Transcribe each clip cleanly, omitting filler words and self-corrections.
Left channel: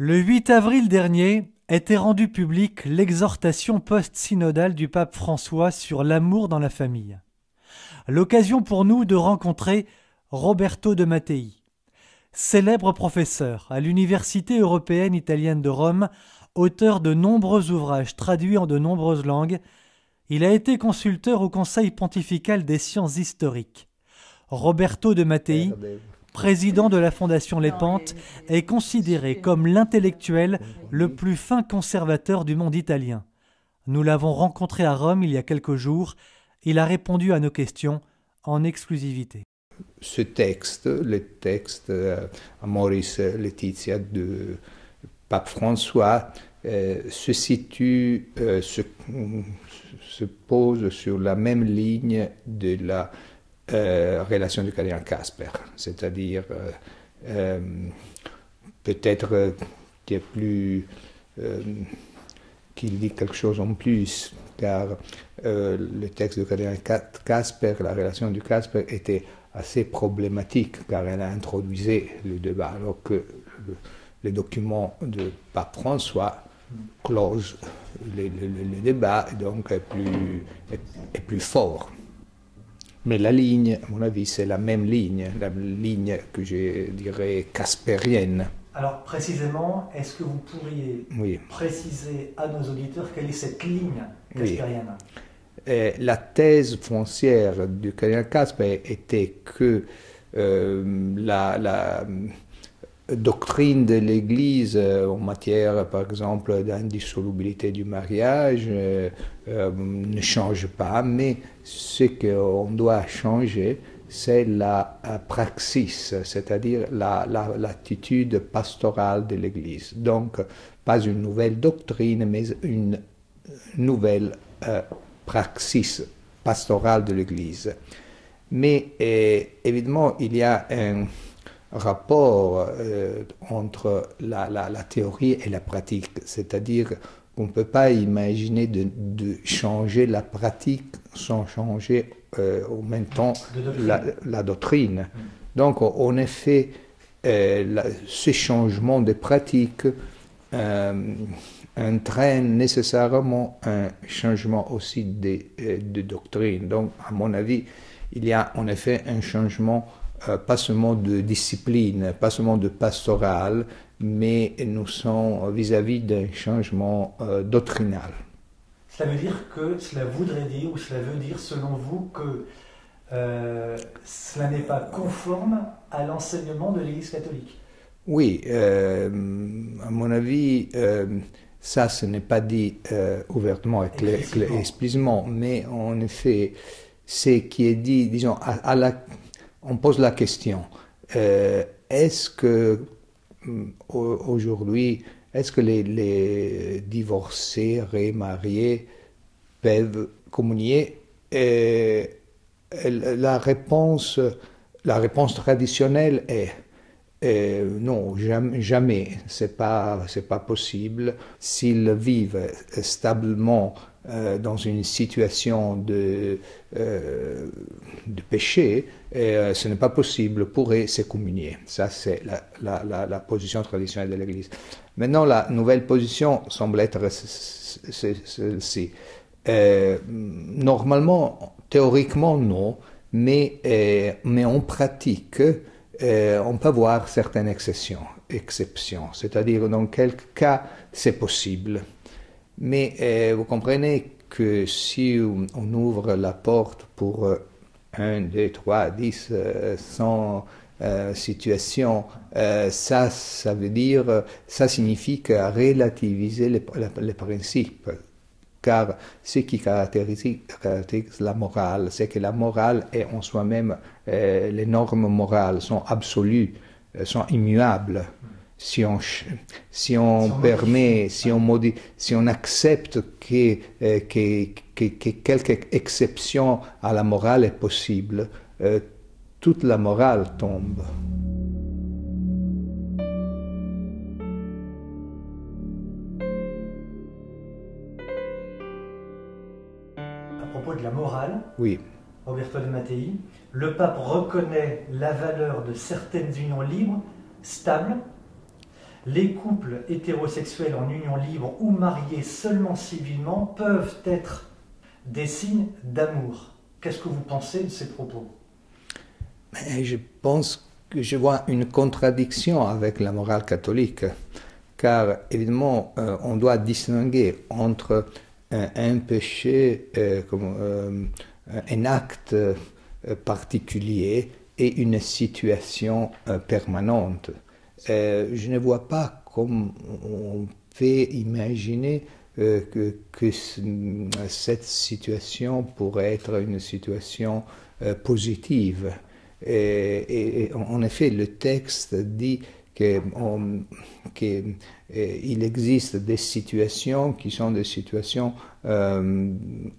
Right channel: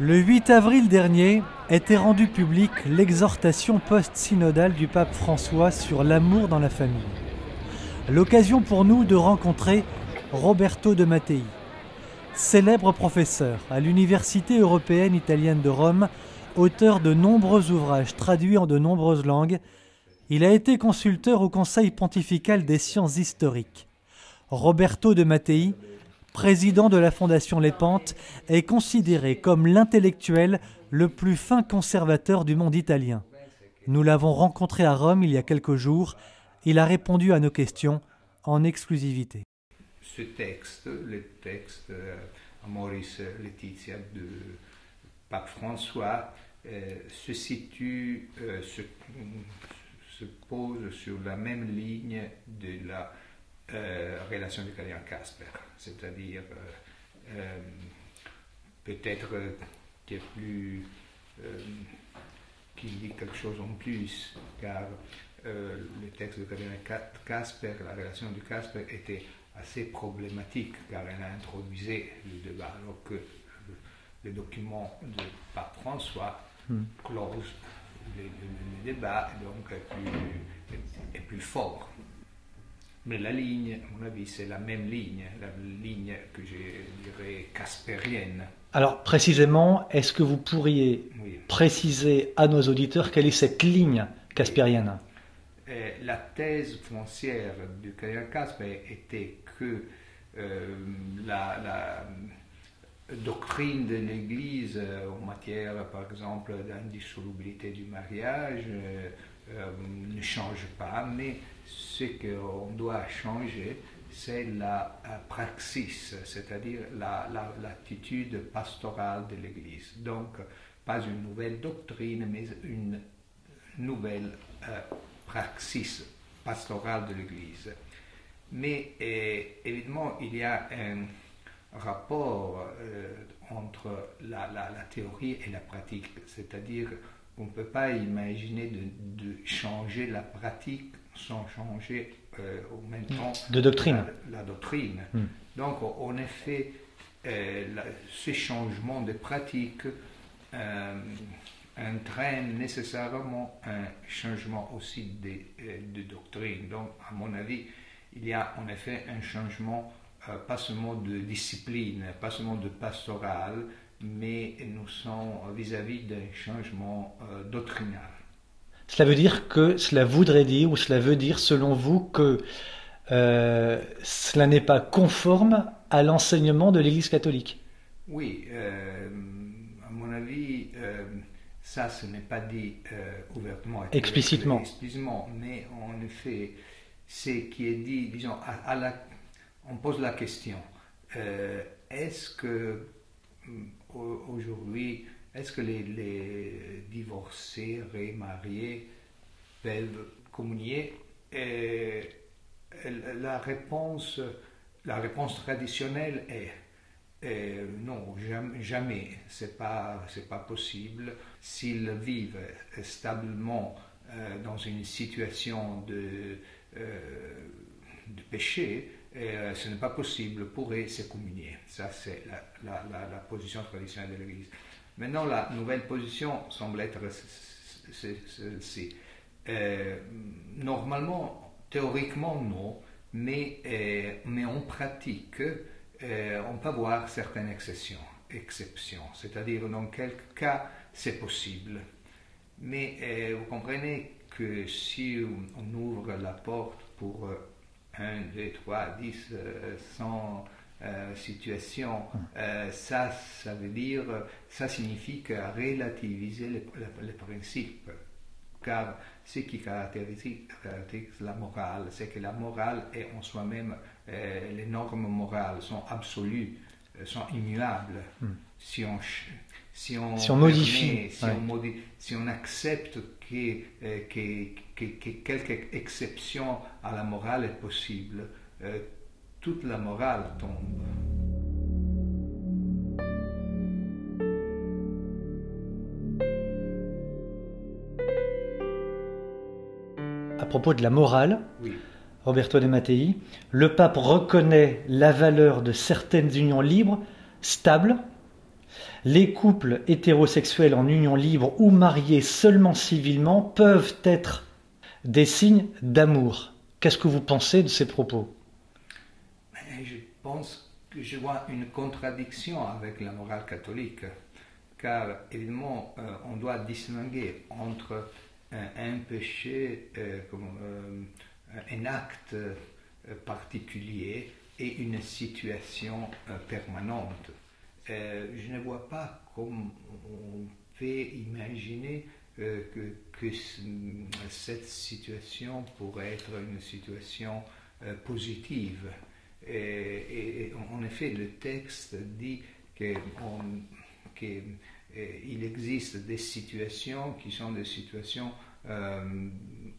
Le 8 avril dernier était rendue publique l'exhortation post-synodale du pape François sur l'amour dans la famille. L'occasion pour nous de rencontrer Roberto de Mattei. Célèbre professeur à l'Université européenne italienne de Rome, auteur de nombreux ouvrages traduits en de nombreuses langues, il a été consulteur au Conseil pontifical des sciences historiques. Roberto de Mattei, président de la Fondation Lépante, est considéré comme l'intellectuel le plus fin conservateur du monde italien. Nous l'avons rencontré à Rome il y a quelques jours. Il a répondu à nos questions en exclusivité. Ce texte, le texte Amoris Laetitia de Pape François, se situe, se pose sur la même ligne de la relation du cardinal Casper, c'est-à-dire peut-être qu'il dit quelque chose en plus, car le texte du cardinal Casper, la relation du Casper était assez problématique, car elle a introduit le débat, alors que les documents de Pape François closent le débat, et donc est plus fort. Mais la ligne, à mon avis, c'est la ligne que je dirais caspérienne. Alors précisément, est-ce que vous pourriez préciser à nos auditeurs quelle est cette ligne caspérienne? La thèse foncière du cardinal Casper était que la doctrine de l'Église en matière, par exemple, d'indissolubilité du mariage ne change pas, mais ce qu'on doit changer, c'est la praxis, c'est-à-dire l'attitude pastorale de l'Église. Donc, pas une nouvelle doctrine, mais une nouvelle praxis pastorale de l'Église. Mais évidemment, il y a un rapport entre la théorie et la pratique, c'est-à-dire qu'on ne peut pas imaginer de changer la pratique sans changer en même temps la doctrine. Donc, en effet, ce changement de pratique entraîne nécessairement un changement aussi de doctrine. Donc, à mon avis, il y a en effet un changement pas seulement de discipline, pas seulement de pastoral, mais nous sommes vis-à-vis d'un changement doctrinal. Cela veut dire que, cela voudrait dire, ou cela veut dire selon vous que cela n'est pas conforme à l'enseignement de l'Église catholique? Oui, à mon avis, ça, ce n'est pas dit ouvertement et explicitement, mais en effet, ce qui est dit, disons, on pose la question, est-ce que aujourd'hui, est-ce que les divorcés, remariés peuvent communier? La réponse traditionnelle est non, jamais, c'est pas possible. S'ils vivent stablement dans une situation de péché, ce n'est pas possible pour eux se communier. Ça, c'est la position traditionnelle de l'Église. Maintenant, la nouvelle position semble être celle-ci. Normalement, théoriquement, non, mais en pratique, on peut voir certaines exceptions. C'est-à-dire, dans quel cas, c'est possible. Mais vous comprenez que si on ouvre la porte pour 1, 2, 3, 10, 100 situations, ça signifie relativiser les principes. Car ce qui caractérise la morale, c'est que la morale est en soi-même, les normes morales sont absolues, sont immuables. Si on permet, si on accepte que quelque exception à la morale est possible, toute la morale tombe. À propos de la morale, oui. Roberto de Mattei, le pape reconnaît la valeur de certaines unions libres, stables, les couples hétérosexuels en union libre ou mariés seulement civilement peuvent être des signes d'amour. Qu'est-ce que vous pensez de ces propos? Mais je pense que je vois une contradiction avec la morale catholique, car évidemment, on doit distinguer entre un péché, un acte particulier et une situation permanente. Je ne vois pas comment on peut imaginer que cette situation pourrait être une situation positive. Et en effet, le texte dit qu'il existe des situations qui sont des situations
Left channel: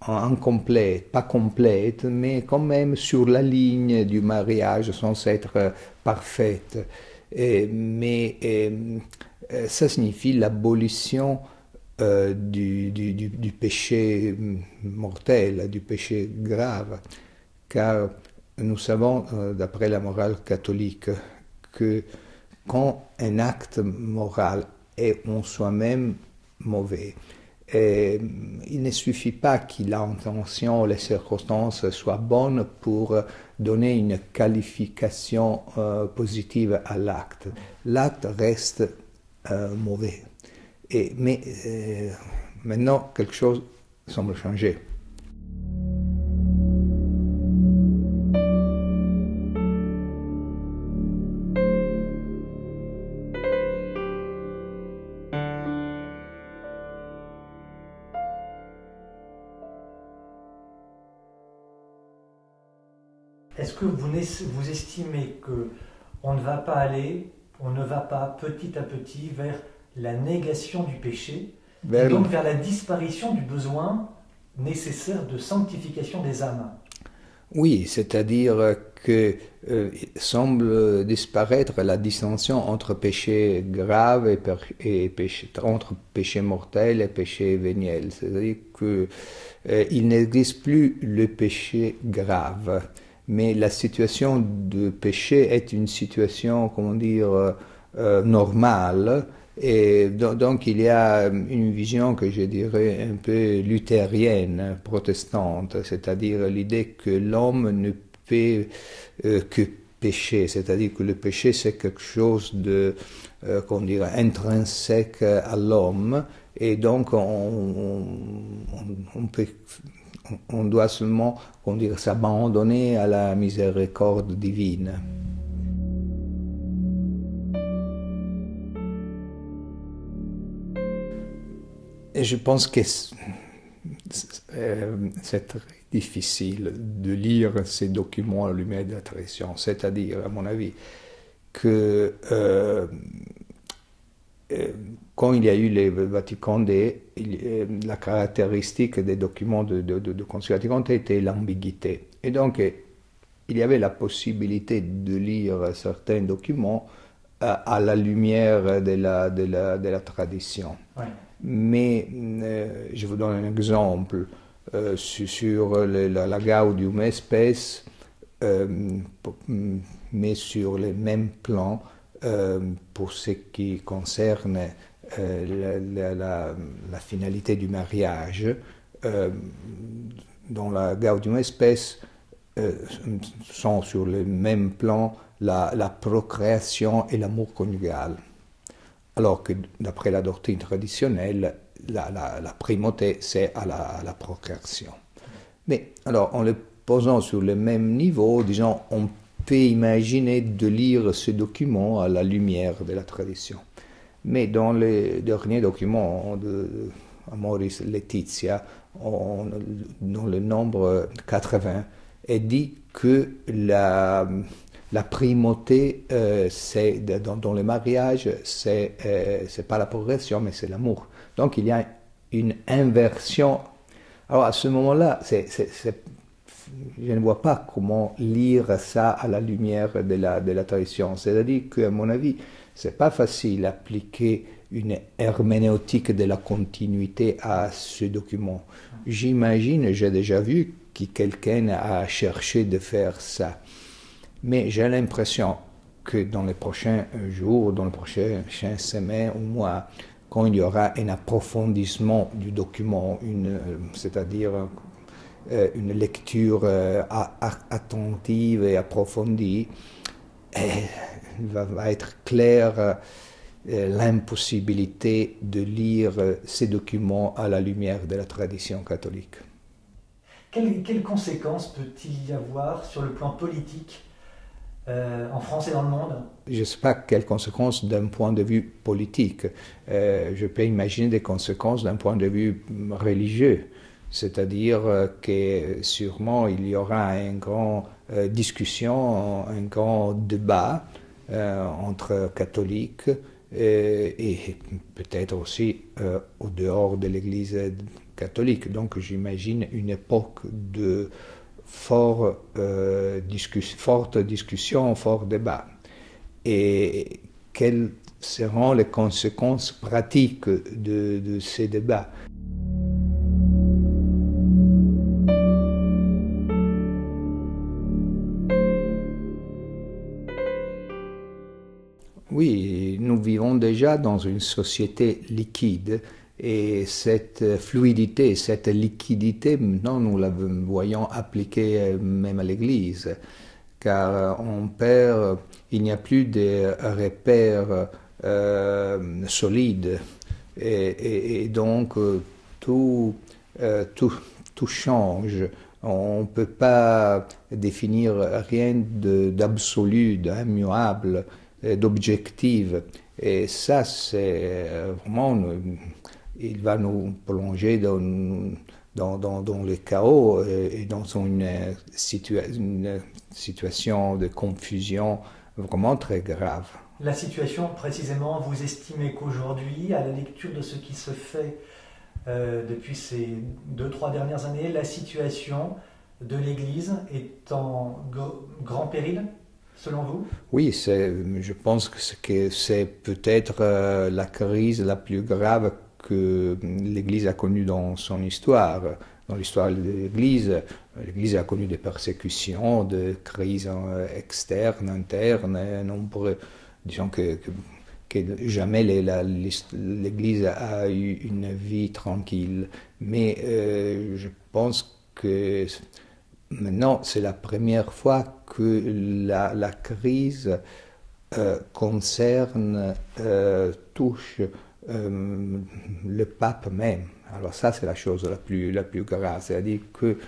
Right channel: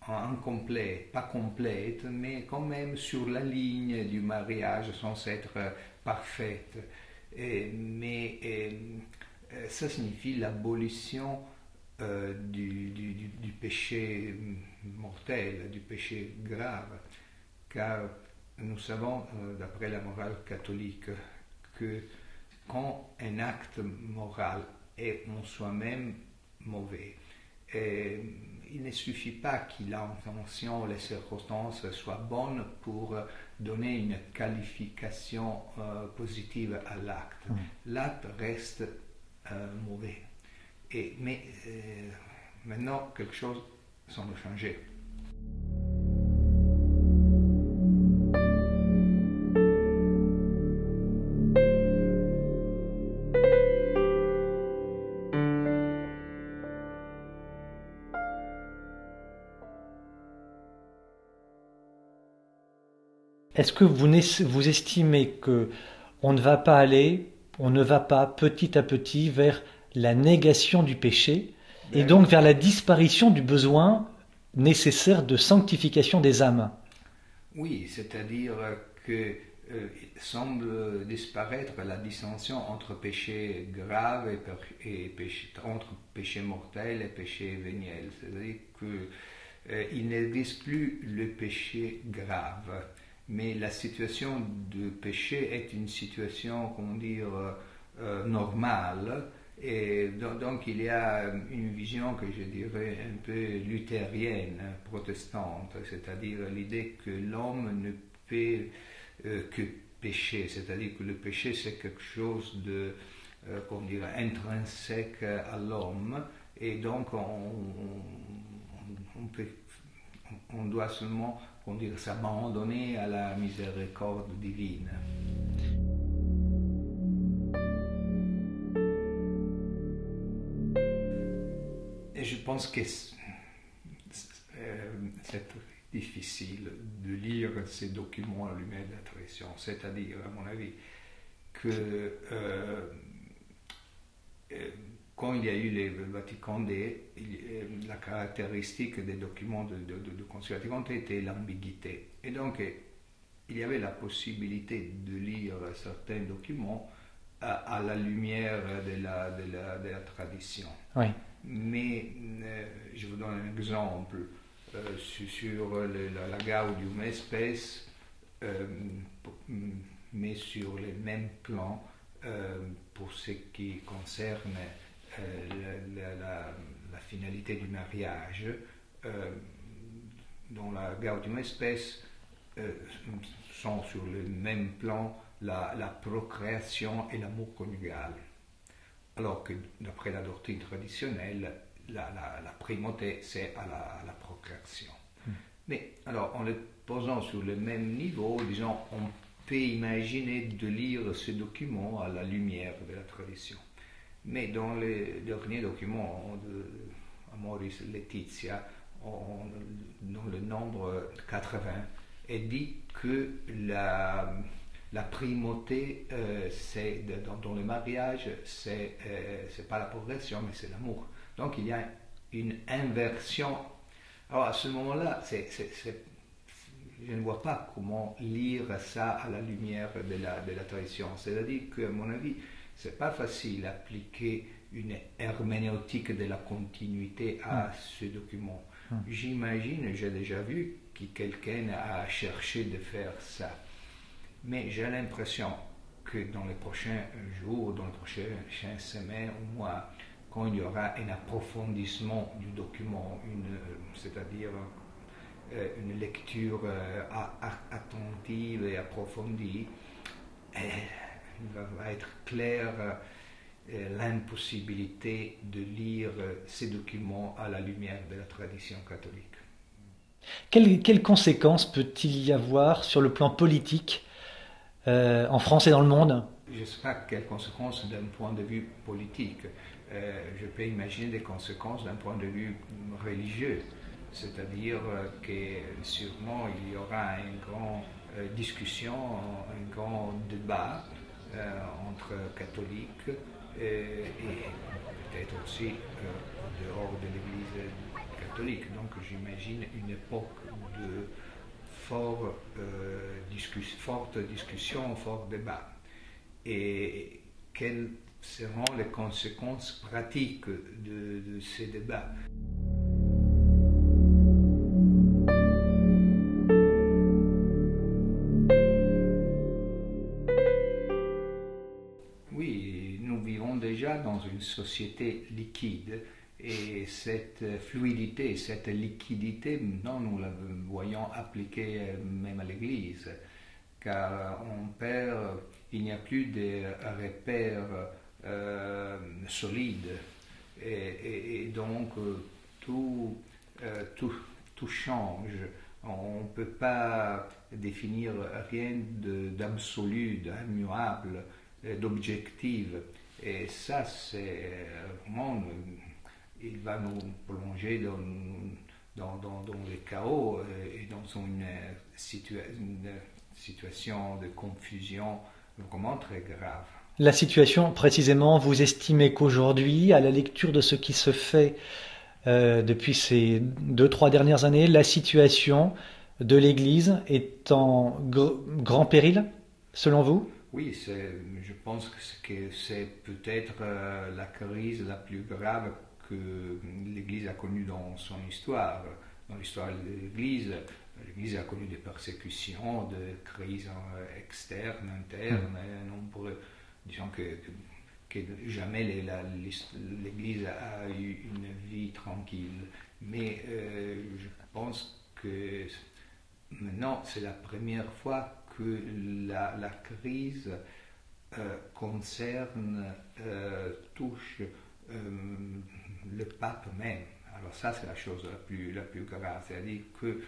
incomplètes, pas complètes, mais quand même sur la ligne du mariage sans être parfaites. Mais ça signifie l'abolition du péché mortel, du péché grave, car nous savons, d'après la morale catholique, que quand un acte moral est en soi-même mauvais, il ne suffit pas que l'intention, les circonstances soient bonnes pour donner une qualification positive à l'acte. L'acte reste mauvais. Mais maintenant, quelque chose semble changer. Est-ce que vous estimez que on ne va pas petit à petit vers la négation du péché et donc vers la disparition du besoin nécessaire de sanctification des âmes? Oui, c'est-à-dire que semble disparaître la distinction entre péché grave et entre péché mortel et péché véniel. C'est-à-dire qu'il n'existe plus le péché grave. Mais la situation de péché est une situation, comment dire, normale. Et donc il y a une vision que je dirais un peu luthérienne, protestante, c'est-à-dire l'idée que l'homme ne peut que pécher, c'est-à-dire que le péché c'est quelque chose de, comment dire, intrinsèque à l'homme, et donc on doit seulement, comment dire, s'abandonner à la miséricorde divine. Et je pense que c'est très difficile de lire ces documents à la lumière de la tradition. C'est-à-dire, à mon avis, que quand il y a eu les Vatican II, la caractéristique des documents de Concile Vatican II était l'ambiguïté. Et donc, il y avait la possibilité de lire certains documents à la lumière de la tradition. Oui. Mais je vous donne un exemple sur la Gaudium Spes, mais sur le même plan pour ce qui concerne la finalité du mariage. Dans la Gaudium Spes sont sur le même plan la procréation et l'amour conjugal. Alors que d'après la doctrine traditionnelle, la primauté, c'est à la procréation. Mais alors, en le posant sur le même niveau, disons, on peut imaginer de lire ce document à la lumière de la tradition. Mais dans les derniers documents de Amoris Laetitia, dans le nombre 80, est dit que la primauté, dans le mariage, c'est pas la progression, mais c'est l'amour. Donc il y a une inversion. Alors à ce moment-là, je ne vois pas comment lire ça à la lumière de la tradition. C'est-à-dire qu'à mon avis, c'est pas facile d'appliquer une herméneutique de la continuité à ce document. J'imagine, j'ai déjà vu que quelqu'un a cherché de faire ça. Mais j'ai l'impression que dans les prochains jours, dans les prochaines semaines ou mois, quand il y aura un approfondissement du document, c'est-à-dire une lecture attentive et approfondie, il va être clair l'impossibilité de lire ces documents à la lumière de la tradition catholique. Quelles conséquences peut-il y avoir sur le plan politique en France et dans le monde? Je ne sais pas quelles conséquences d'un point de vue politique. Je peux imaginer des conséquences d'un point de vue religieux. C'est-à-dire que sûrement il y aura une grande discussion, un grand débat entre catholiques et peut-être aussi au dehors de l'Église catholique. Donc j'imagine une époque de forte discussion, fort débat. Et quelles seront les conséquences pratiques de ces débats? Oui, nous vivons déjà dans une société liquide et cette fluidité, cette liquidité, maintenant nous la voyons appliquée même à l'Église, car il n'y a plus de repères solides et donc tout change. On ne peut pas définir rien d'absolu, d'immuable, d'objectif. Et ça, c'est vraiment, il va nous plonger dans le chaos et dans une situation de confusion vraiment très grave. La situation, précisément, vous estimez qu'aujourd'hui, à la lecture de ce qui se fait depuis ces 2-3 dernières années, la situation de l'Église est en grand péril, selon vous? Oui, je pense que c'est peut-être la crise la plus grave que l'Église a connue dans son histoire. Dans l'histoire de l'Église a connu des persécutions, des crises externes, internes, nombreux. Disons que jamais l'Église a eu une vie tranquille. Mais je pense que maintenant, c'est la première fois que la crise touche le pape même. Alors ça, c'est la chose la plus grave. C'est-à-dire que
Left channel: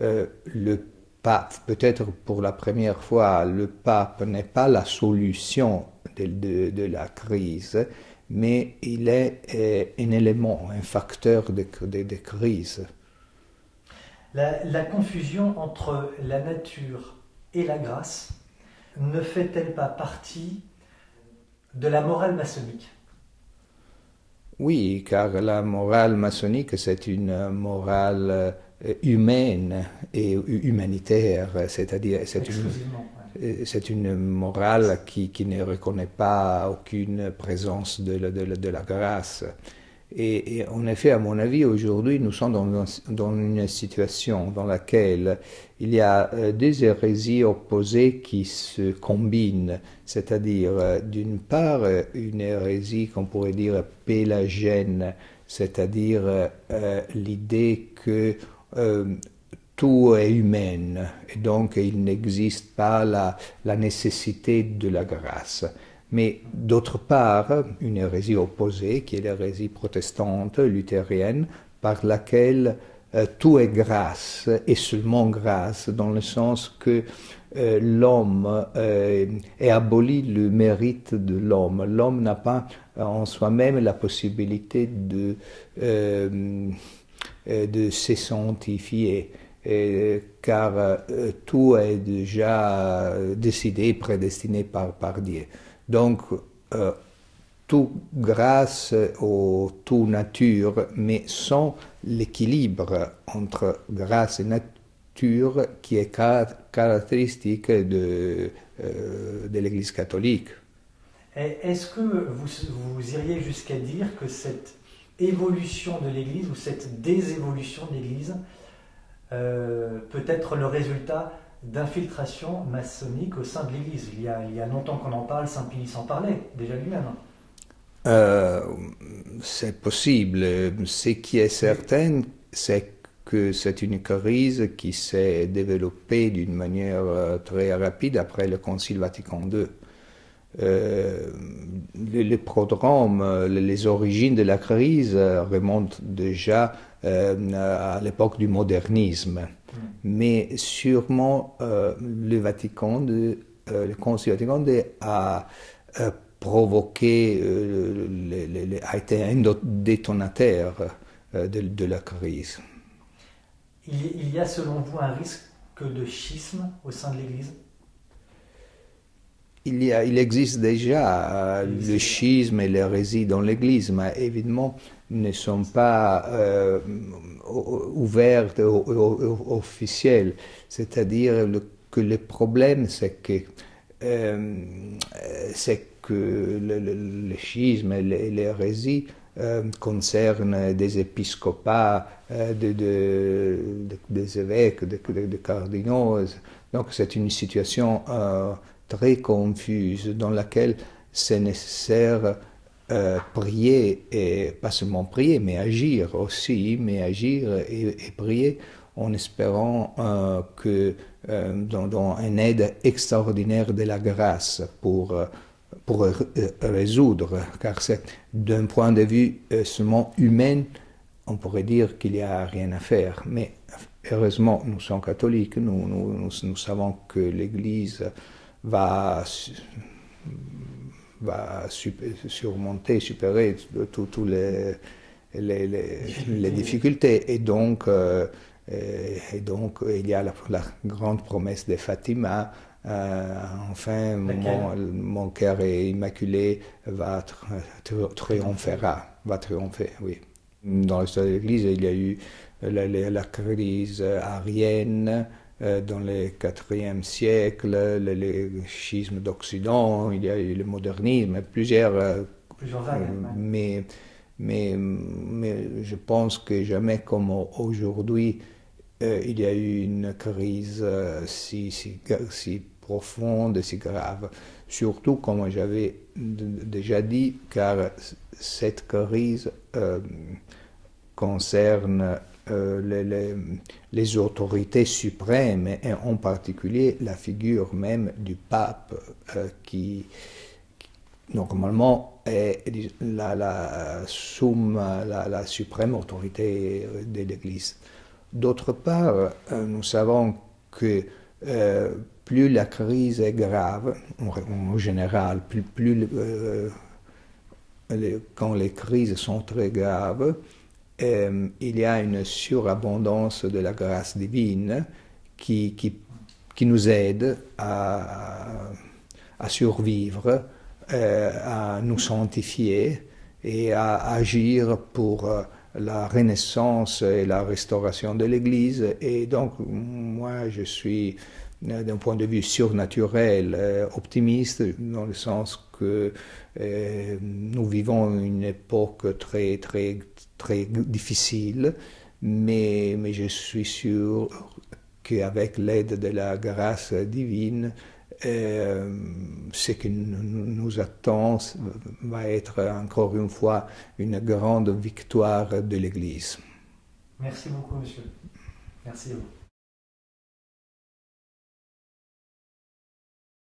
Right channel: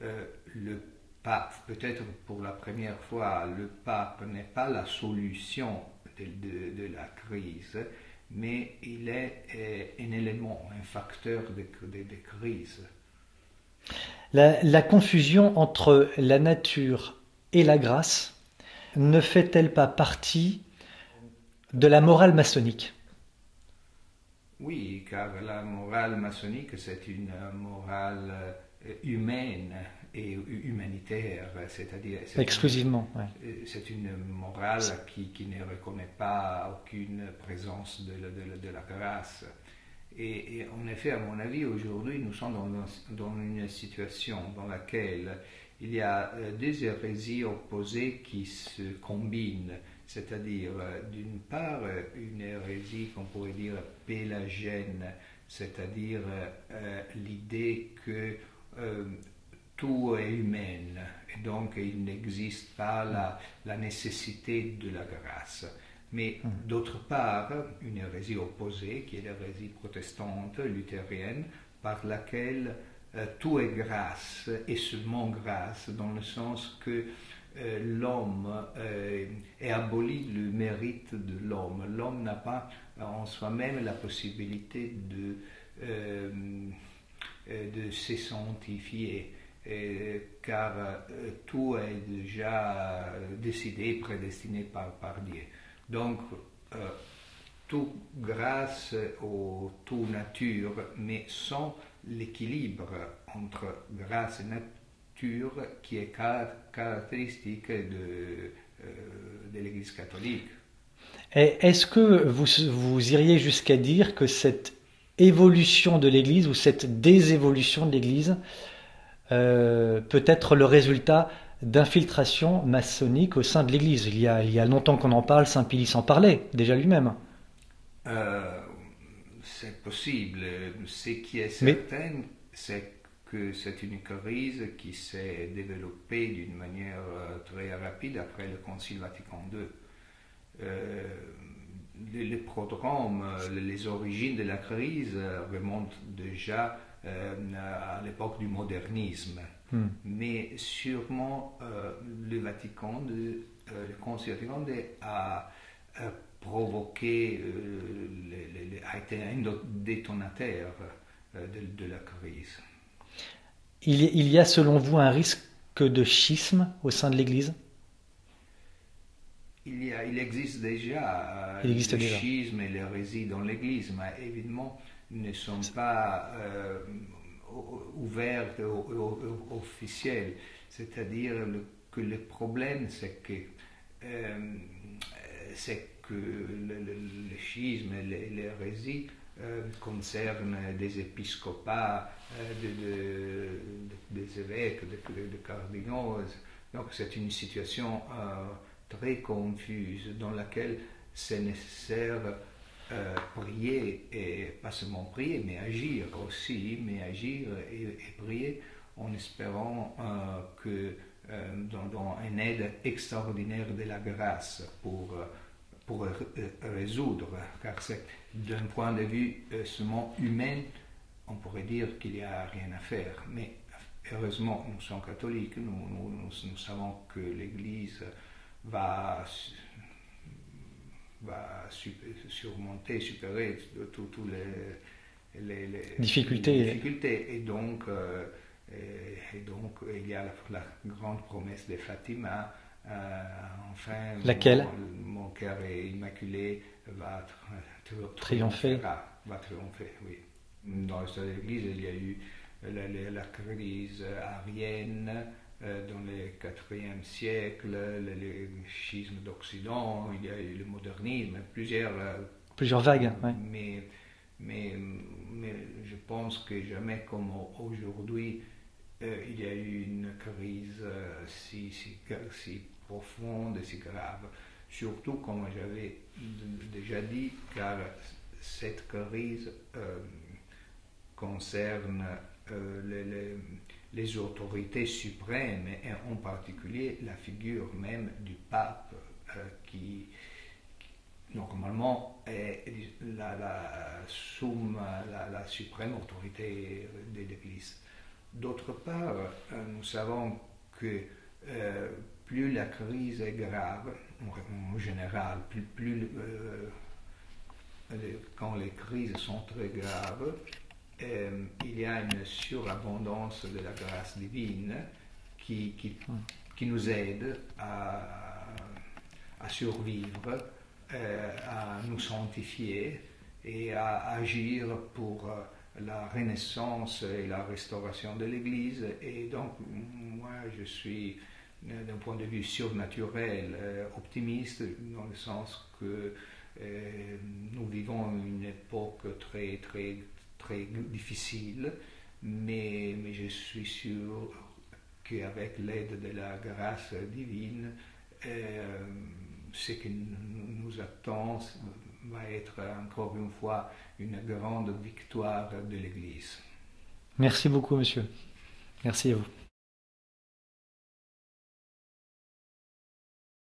le pape, peut-être pour la première fois, le pape n'est pas la solution de la crise, mais il est un élément, un facteur de crise. La confusion entre la nature et la grâce ne fait-elle pas partie de la morale maçonnique? Oui, car la morale maçonnique, c'est une morale humaine et humanitaire, c'est-à-dire exclusivement. C'est une morale qui ne reconnaît pas aucune présence de la grâce. Et en effet, à mon avis, aujourd'hui, nous sommes dans une situation dans laquelle il y a des hérésies opposées qui se combinent, c'est-à-dire d'une part une hérésie qu'on pourrait dire pélagienne, c'est-à-dire l'idée que tout est humain et donc il n'existe pas la nécessité de la grâce. Mais d'autre part, une hérésie opposée, qui est l'hérésie protestante, luthérienne, par laquelle tout est grâce, et seulement grâce, dans le sens que l'homme est aboli le mérite de l'homme. L'homme n'a pas en soi-même la possibilité de se sanctifier, car tout est déjà décidé, prédestiné par Dieu. Donc, tout grâce ou tout nature, mais sans l'équilibre entre grâce et nature qui est caractéristique de l'Église catholique. Est-ce que vous iriez jusqu'à dire que cette évolution de l'Église ou cette désévolution de l'Église peut être le résultat d'infiltration maçonnique au sein de l'Église. Il y a longtemps qu'on en parle, Saint Pie s'en parlait déjà lui-même. Euh, c'est possible. Ce qui est Mais certain, c'est que c'est une crise qui s'est développée d'une manière très rapide après le Concile Vatican II. Les prodromes, les origines de la crise remontent déjà à l'époque du modernisme. Mais sûrement le Concile Vatican II a provoqué, a été un détonateur de la crise. il y a selon vous un risque de schisme au sein de l'Église? Il existe déjà Il existe le déjà. schisme et l'hérésie dans l'Église, mais évidemment ne sont pas ouvertes officielles. C'est-à-dire que le problème, euh, c'est que le schisme et l'hérésie concernent des épiscopats, des évêques, de cardinaux. Donc c'est une situation très confuse dans laquelle c'est nécessaire prier, et pas seulement prier, mais agir aussi, mais agir et prier en espérant que dans une aide extraordinaire de la grâce pour résoudre, car c'est d'un point de vue seulement humain, on pourrait dire qu'il n'y a rien à faire, mais heureusement, nous sommes catholiques, nous savons que l'Église va, va surmonter, supérer toutes les Difficulté. difficultés. Et donc, il y a la grande promesse de Fatima. Enfin, Laquelle? mon cœur immaculé Triompher. va triompher, oui. Dans l'histoire de l'Église, il y a eu la crise arienne dans le IVe siècle, le schisme d'Occident, il y a eu le modernisme, plusieurs. Plusieurs vagues, ouais. Mais je pense que jamais comme aujourd'hui, il y a eu une crise si profonde et si grave. Surtout, comme j'avais déjà dit, car cette crise concerne les autorités suprêmes et en particulier la figure même du pape qui normalement est la suprême autorité de l'Église. D'autre part, nous savons que plus la crise est grave, en général, quand les crises sont très graves, il y a une surabondance de la grâce divine qui nous aide à survivre, à nous sanctifier et à agir pour la renaissance et la restauration de l'Église. Et donc, moi, je suis, d'un point de vue surnaturel, optimiste, dans le sens que nous vivons une époque très difficile, mais je suis sûr qu'avec l'aide de la grâce divine, ce qui nous attend va être encore une fois une grande victoire de l'Église. Merci beaucoup, monsieur. Merci à vous.